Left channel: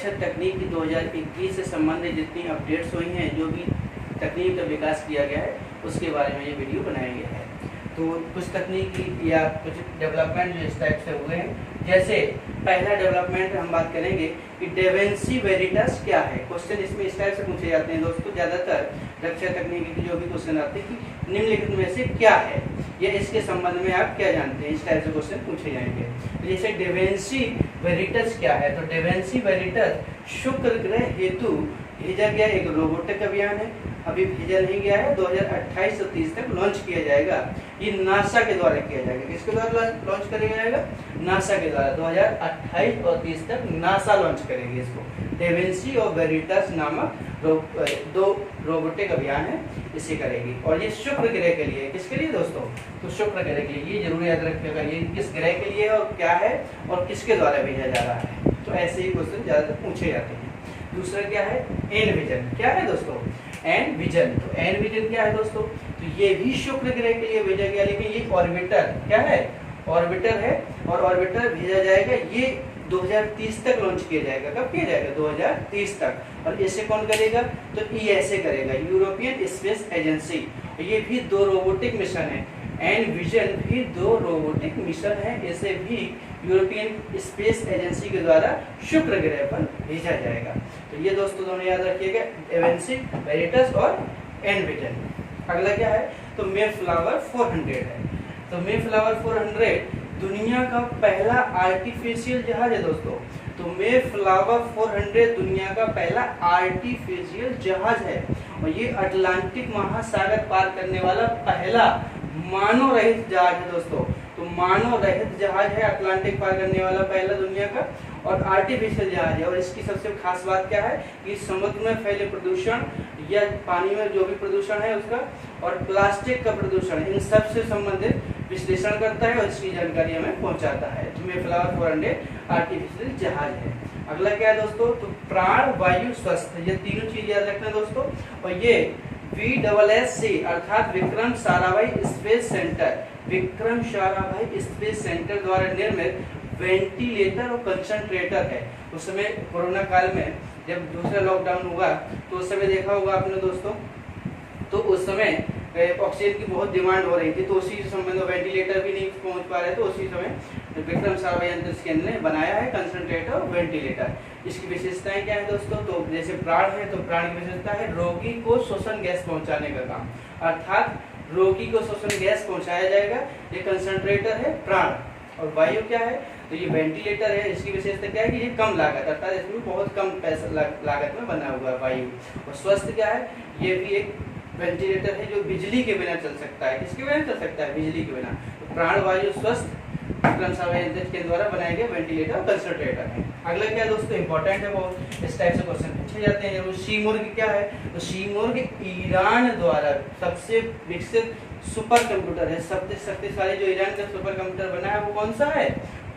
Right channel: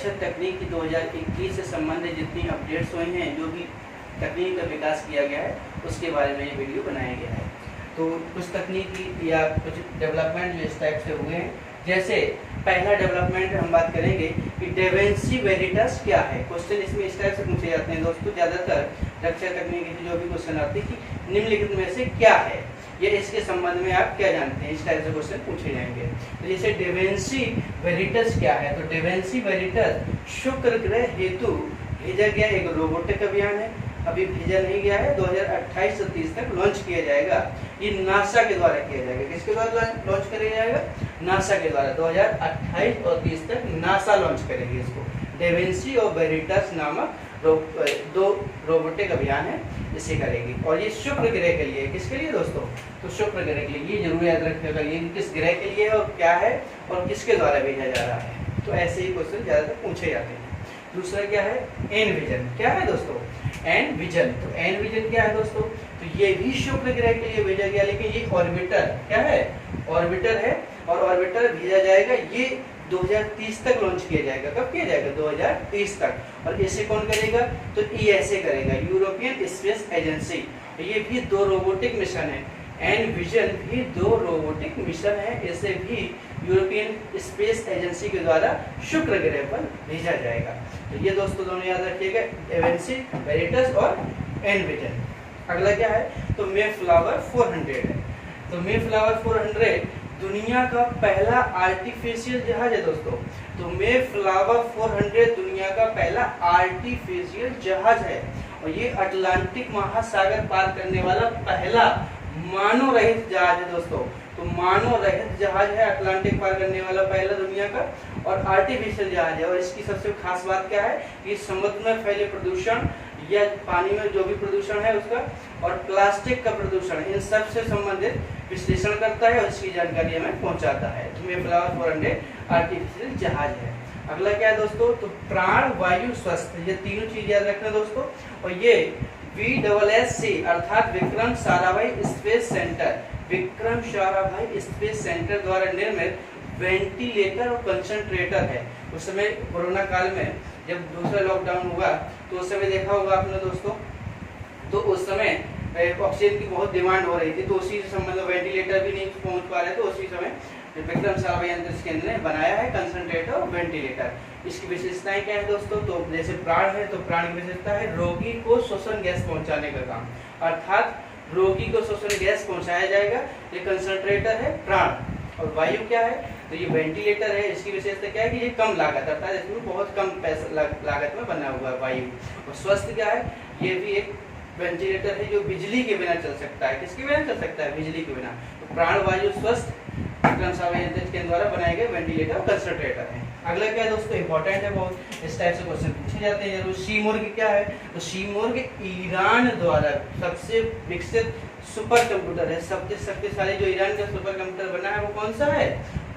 रक्षा तकनीक की 2021 से संबंधित जितनी अपडेट्स हुई हैं, जो भी तकनीक का विकास किया गया है, उसके बारे में ये वीडियो बनाया गया है। तो कुछ तकनीकी या कुछ डेवलपमेंट जो इस टाइप से हुए हैं, जैसे पहला डेवलपमेंट हम बात करेंगे कि डेविंसी वेरिटस क्या है। क्वेश्चन इसमें इस टाइप से पूछे जाते हैं दोस्तों, ज़्यादातर रक्षा तकनीकी की जो भी क्वेश्चन आते हैं कि निम्नलिखित में से क्या है, या इसके संबंध में आप क्या जानते हैं, इस टाइप से क्वेश्चन पूछे जाएंगे। तो जैसे डेविंसी वेरिटस क्या है, तो डेविंसी वेरिटस शुक्र ग्रह हेतु भेजा गया एक रोबोटिक अभियान है। अभी भेजा नहीं गया है, 2028 से 30 तक लॉन्च किया जाएगा। ये नासा के द्वारा किया जाएगा। किसके द्वारा लॉन्च किया जाएगा? नासा के द्वारा। 2028 और 30 तक नासा लॉन्च करेंगे इसको। डेविंसी और वेरिटस नामक दो रोबोटिक अभियान है, इसे करेगी। और ये शुक्र ग्रह के लिए, किसके लिए दोस्तों? तो शुक्र ग्रह के लिए। ये जरूर याद रखिएगा ये किस ग्रह के लिए और क्या है और किसके द्वारा भेजा जा रहा है। तो ऐसे ही क्वेश्चन ज्यादातर पूछे जाते हैं। दूसरा क्या है? एनविजन। क्या है दोस्तों? एनविजन। तो एनविजन क्या है दोस्तों? तो ये भी शुक्र ग्रह के लिए भेजा गया, लेकिन ये ऑर्बिटर क्या है? ऑर्बिटर है, और ऑर्बिटर भेजा जाएगा, ये 2030 तक लॉन्च किया जाएगा। कब किया जाएगा? 2030 तक। और इसे कौन करेगा? तो ईएसए करेगा, यूरोपियन स्पेस एजेंसी। ये भी दो रोबोटिक मिशन है। एनविजन भी दो रोबोटिक मिशन है, इसे भी यूरोपियन स्पेस एजेंसी के द्वारा शुक्र ग्रह पर भेजा जाएगा। तो ये दोस्तों दोनों याद रखिएगा, डेविंसी वेरिटस और एनविजन। अगला क्या है? तो मेफ्लावर 400 है। तो मेफ्लावर 400 दुनिया का पहला आर्टिफिशियल जहाज है दोस्तों। तो मेफ्लावर 400 दुनिया का पहला आर्टिफिशियल जहाज है, और ये अटलांटिक महासागर पार करने वाला पहला मानव रहित जहाज है दोस्तों। तो मानव रहित जहाज है, अटलांटिक पार करने वाला पहला दुनिया का, और आर्टिफिशियल जहाज है। और इसकी सबसे खास बात क्या है कि समुद्र में फैले प्रदूषण या पानी में जो भी प्रदूषण है उसका, और प्लास्टिक का प्रदूषण, इन सब से संबंधित विश्लेषण करता है और इसकी जानकारी हमें पहुंचाता है। तो मेफ्लावर 400 आर्टिफिशियल जहाज है। अगला क्या है दोस्तों? तो प्राण वायु स्वस्थ। ये तीनों चीज याद रखना दोस्तों। और ये VSSC अर्थात Vikram Sarabhai space centre, Vikram Sarabhai space centre द्वारा निर्मित वेंटिलेटर और कंसंट्रेटर है। उस समय कोरोना काल में जब दूसरा लॉकडाउन हुआ, तो उस समय देखा होगा आपने दोस्तों, तो उस समय ऑक्सीजन की बहुत डिमांड हो रही थी, तो उसी से संबंधित वेंटिलेटर भी नहीं पहुंच पा रहे थे। उसी समय विक्रम साराभाई अंतरिक्ष केंद्र ने बनाया है कंसंट्रेटर और वेंटिलेटर। इसकी विशेषताएं क्या है दोस्तों? तो जैसे प्राण है, तो प्राण की विशेषता है रोगी को श्वसन गैस पहुंचाने का काम, अर्थात रोगी को श्वसन गैस पहुंचाया जाएगा। ये कंसंट्रेटर है प्राण। और वायु क्या है? तो ये वेंटिलेटर है। इसकी विशेषता क्या है कि ये कम लागत, अर्थात इसमें बहुत कम पैसा लागत में बना हुआ है वायु। और स्वस्थ क्या है? ये भी एक वेंटिलेटर है जो बिजली के बिना चल सकता है। किसके बिना चल सकता है? बिजली के बिना। तो प्राण वायु स्वस्थ विक्रम साराभाई अंतरिक्ष के द्वारा बनाए गए वेंटिलेटर कंसंट्रेटर है। अगला क्या है दोस्तों? इंपॉर्टेंट है बहुत, इस टाइप से क्वेश्चन पूछे जाते हैं। जब शीमुर्ग क्या है? तो शीमुर्ग ईरान द्वारा सबसे विकसित सुपर कंप्यूटर है। सबसे शक्तिशाली जो ईरान का सुपर कंप्यूटर बना है वो कौन सा है?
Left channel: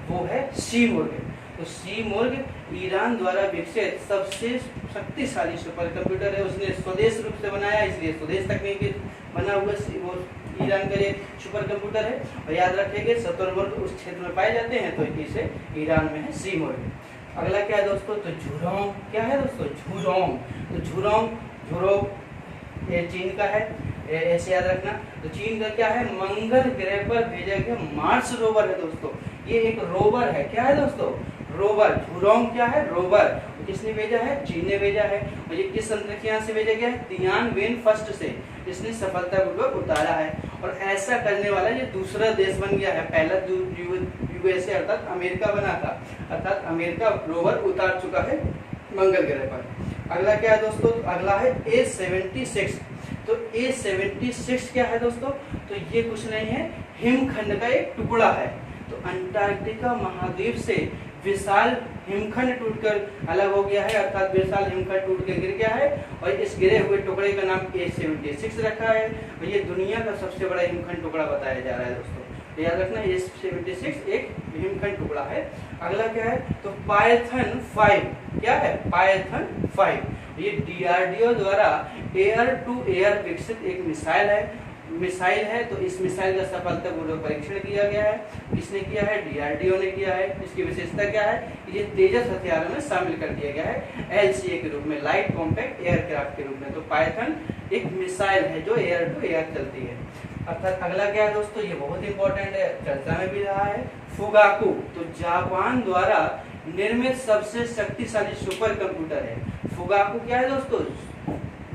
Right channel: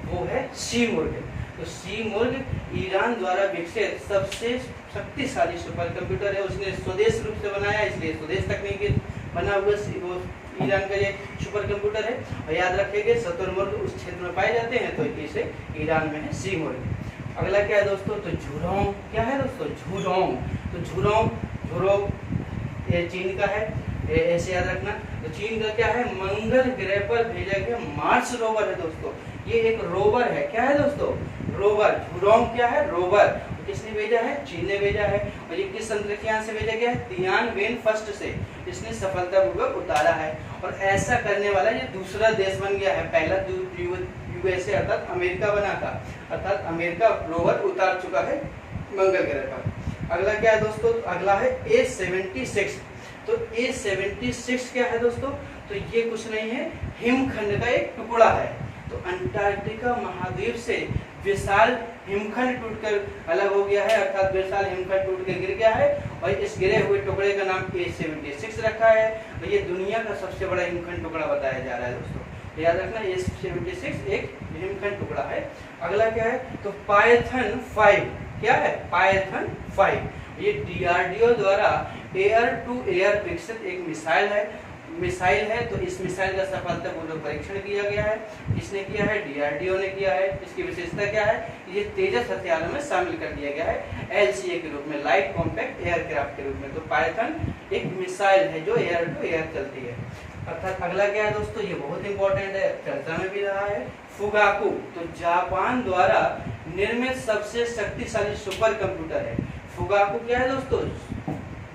वो है शीमुर्ग। तो शीमुर्ग ईरान द्वारा विकसित सबसे शक्तिशाली सुपर कंप्यूटर है। उसने स्वदेश रूप से बनाया, इसलिए स्वदेश तकनीक बना हुआ वो ईरान का लिए सुपर कंप्यूटर है। और याद रखिएगा शतुरमुर्ग उस क्षेत्र में पाए जाते हैं, तो इसे ईरान में है शीमुर्ग। अगला क्या है दोस्तों? तो झुरोंग। क्या है दोस्तों? झुरोंग। तो झुरोंग ये चीन का है, ऐसे याद रखना। तो चीन का क्या है? मंगल ग्रह पर भेजा गया मार्स रोवर है दोस्तों। ये एक रोवर है। क्या है दोस्तों? रोवर। झुरोंग क्या है? रोवर। तो किसने भेजा है? चीन ने भेजा है। और ये किस अंतरिक्ष यान से भेजा गया है? तियानवेन फर्स्ट से इसने सफलतापूर्वक उतारा है। और ऐसा करने वाला ये दूसरा देश बन गया है। पहला यूएसए अर्थात अमेरिका बना था, अर्थात अमेरिका रोवर उतार चुका है मंगल ग्रह पर। अगला क्या है दोस्तों? अगला है A76। तो A76 क्या है दोस्तों? तो ये कुछ नहीं है, हिमखंड का एक टुकड़ा है। तो अंटार्कटिका महाद्वीप से विशाल हिमखंड टूटकर अलग हो गया है, अर्थात विशाल हिमखंड टूट के गिर गया है। और इस गिरे हुए टुकड़े का नाम A76 रखा है। और ये दुनिया का सबसे बड़ा हिमखंड टुकड़ा बताया जा रहा है दोस्तों। तो याद रखना A76 एक हिमखंड टुकड़ा है। अगला क्या है? तो पाइथन 5। क्या है? पाइथन 5 ये DRDO द्वारा एयर टू एयर विकसित एक मिसाइल है। मिसाइल है, तो इस मिसाइल का सफलतापूर्वक परीक्षण किया गया है। किसने किया है? डीआरडीओ ने किया है। इसकी विशेषता क्या है? ये तेजस हथियारों में शामिल कर दिया गया है एलसीए के रूप में, लाइट कॉम्पैक्ट एयरक्राफ्ट के रूप में। तो पाइथन एक मिसाइल है जो एयर टू एयर चलती है। अर्थात अगला क्या है दोस्तों, ये बहुत इंपॉर्टेंट है, चर्चा में भी रहा है, फुगाकू। तो जापान द्वारा निर्मित सबसे शक्तिशाली सुपर कंप्यूटर है। फुगाकू क्या है दोस्तों?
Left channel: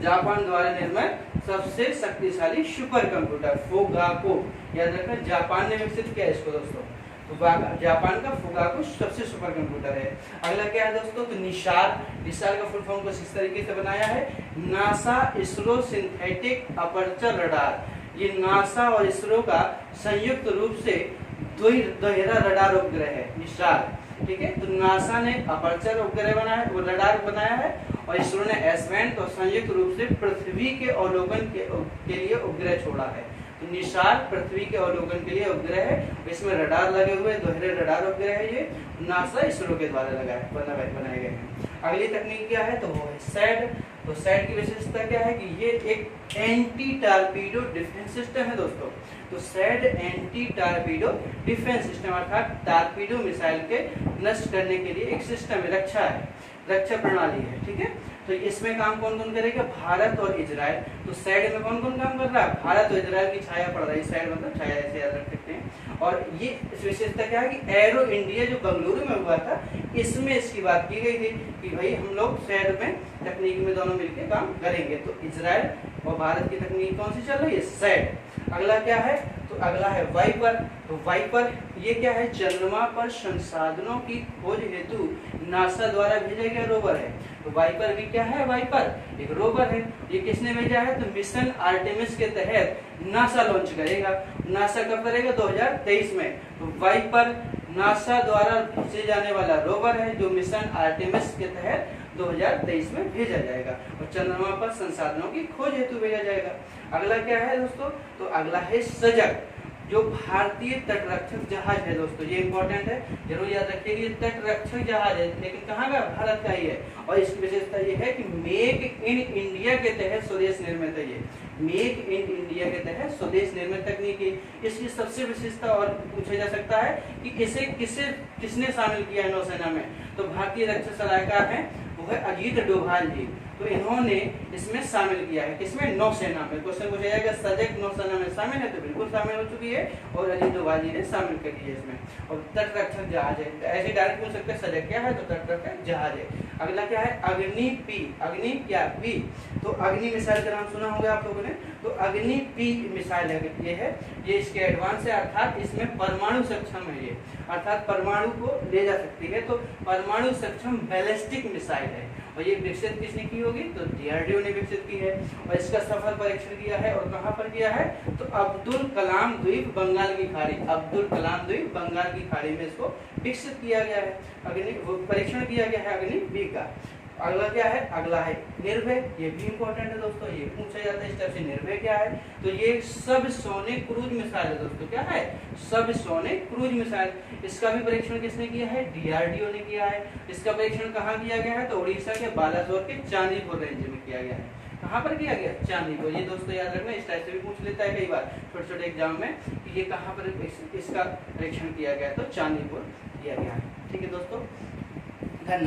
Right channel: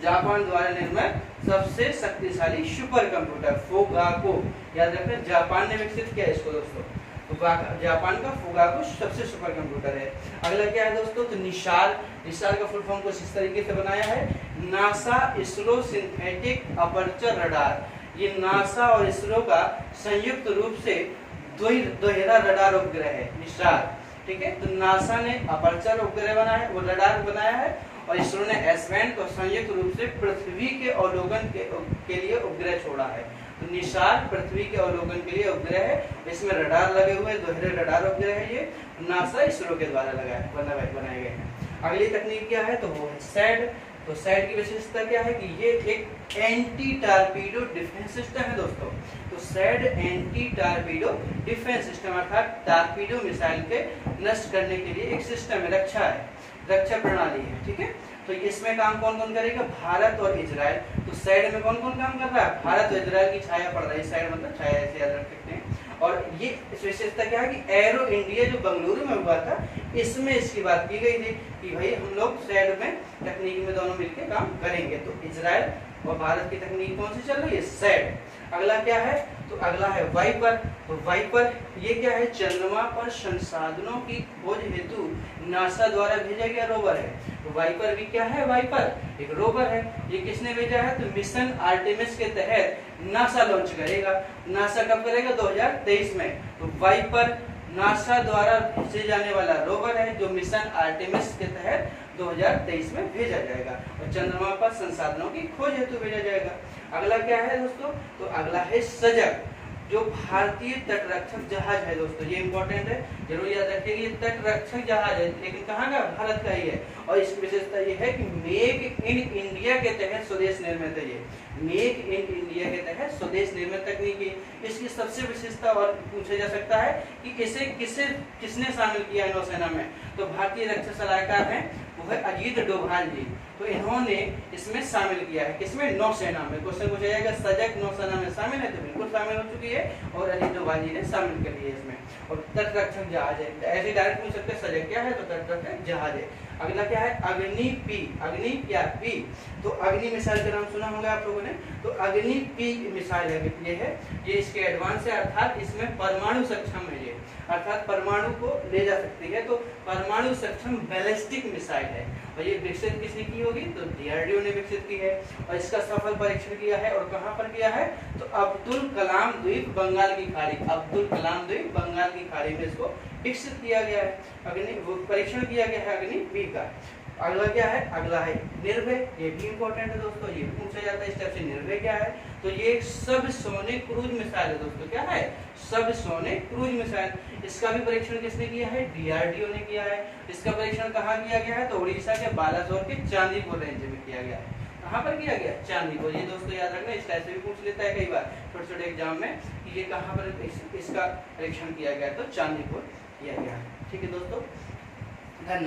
जापान द्वारा निर्मित सबसे शक्तिशाली सुपर कंप्यूटर फुगाकू। याद रखना, जापान ने विकसित किया इसको दोस्तों। तो जापान का फुगाकू सबसे सुपर कंप्यूटर है। अगला क्या है दोस्तों? तो निशाल। निशाल का फुल फॉर्म कुछ इस तरीके से बनाया है, NASA ISRO synthetic aperture radar. ये नासा और इसरो का संयुक्त रूप से दोहरा रडार उपग्रह है निशाल। ठीक है, तो नासा ने अपर्चर उपग्रह बनाया है, वो रडार बनाया है, और इसरो ने एस-बैंड को संयुक्त रूप से पृथ्वी के अवलोकन के लिए उपग्रह छोड़ा है। तो निशाल पृथ्वी के अवलोकन के लिए उपग्रह है, इसमें रडार लगे हुए दोहरे रडार उपग्रह है, ये नासा इसरो के द्वारा बनाए गए हैं। अगली तकनीक क्या है? तो वो है सैड। तो सैड की विशेषता क्या है कि ये एक एंटी टारपीडो डिफेंस सिस्टम है दोस्तों। तो sad anti torpedo defence system अर्थात टारपीडो मिसाइल के नष्ट करने के लिए एक सिस्टम है, रक्षा प्रणाली है। ठीक है, तो इसमें काम कौन कौन करेगा? भारत और इजराइल। तो सैड में कौन कौन काम कर रहा है? भारत और इजराइल की छाया पड़ रही है। सैड मतलब छाया, ऐसे याद रख सकते हैं। और ये इस विशेषता क्या है कि एरो इंडिया जो बेंगलुरु में हुआ था, इसमें इसकी बात की गई थी कि भाई हम लोग सैड में तकनीक में दोनों मिलकर काम करेंगे। तो इजराइल और भारत की तकनीक कौन सी चल रही है? सैड। अगला क्या है? तो अगला है वाइपर। तो वाइपर ये क्या है? चंद्रमा पर संसाधनों की खोज हेतु नासा द्वारा भेजा गया रोवर है। तो वाइपर भी क्या है? वाइपर एक रोवर है। ये किसने भेजा है? तो मिशन आर्टेमिस के तहत नासा लॉन्च करेगा। नासा कब करेगा? 2023 में। तो वाइपर नासा द्वारा भेजे जाने वाला रोवर है जो मिशन आर्टेमिस के तहत 2023 में भेजा जाएगा और चंद्रमा पर संसाधनों की खोज हेतु भेजा जाएगा। अगला क्या है दोस्तों? तो अगला है सजग, जो भारतीय तटरक्षक जहाज है दोस्तों। ये इंपॉर्टेंट है, जरूर याद रखिएगा। ये तटरक्षक जहाज है, लेकिन कहाँ का? भारत का ही है। और इसकी विशेषता ये है कि मेक इन इंडिया के तहत स्वदेश निर्मित है। ये मेक इन इंडिया के तहत स्वदेश निर्मित तकनीक है। इसकी सबसे विशेषता और पूछा जा सकता है कि इसे किसने शामिल किया है नौसेना में? तो भारतीय रक्षा सलाहकार है, वो है अजीत डोभाल जी। तो इन्होंने इसमें शामिल किया है, किसमें? नौसेना में। क्वेश्चन पूछा जाएगा सजग नौसेना में शामिल है, तो बिल्कुल शामिल हो चुकी है और अजीत डोभाल जी ने शामिल कर लिया इसमें। और तटरक्षक जहाज है, ऐसे डायरेक्ट पूछ सकते हैं सजग क्या है? तो तटरक्षक जहाज है। अगला क्या है? अग्नि पी। अग्नि क्या? पी। तो अग्नि मिसाइल का नाम सुना होगा आप लोगों ने। तो अग्नि पी मिसाइल है, ये इसके एडवांस है, अर्थात इसमें परमाणु सक्षम है ये, अर्थात परमाणु को ले जा सकती है। तो परमाणु सक्षम बैलिस्टिक मिसाइल है और ये विकसित किसने की होगी? तो डीआरडीओ ने विकसित की है और इसका सफल परीक्षण किया है। और कहां पर किया है? तो अब्दुल कलाम द्वीप बंगाल की खाड़ी, अब्दुल कलाम द्वीप बंगाल की खाड़ी में इसको विकसित किया गया है, परीक्षण किया गया है अग्नि बी का। अगला क्या है? अगला है निर्भय। ये भी इंपॉर्टेंट है दोस्तों, ये पूछा जाता है इस टाइप से। निर्भय क्या है? तो ये सब सोनिक क्रूज मिसाइल है दोस्तों। क्या है? सब सोनिक क्रूज मिसाइल। इसका भी परीक्षण किसने किया है? डीआरडीओ ने किया है। इसका परीक्षण कहाँ किया गया है? तो उड़ीसा के बालासोर के चांदीपुर रेंज में किया गया है। कहाँ पर किया गया? चांदीपुर। ये दोस्तों याद रखना, इस टाइप से भी पूछ लेता है कई बार छोटे छोटे एग्जाम में कि ये कहाँ पर इसका परीक्षण किया गया, तो चांदीपुर किया गया है। ठीक है दोस्तों, धन्यवाद।